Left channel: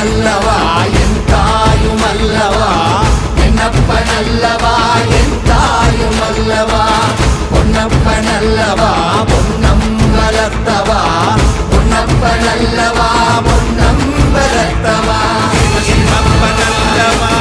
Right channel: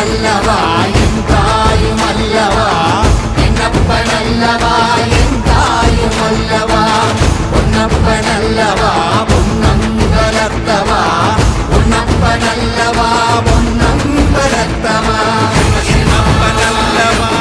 நல்லவா என் தாயும் அல்லவா என்னப்ப நல்லவா என் தாயும் அல்லவா பொன்னப்ப நல்லவா பொன்னம்பலத்தவா பொன்னப்ப நல்லவா பொன்னம்பலத்தவா என்னப்ப நல்லவா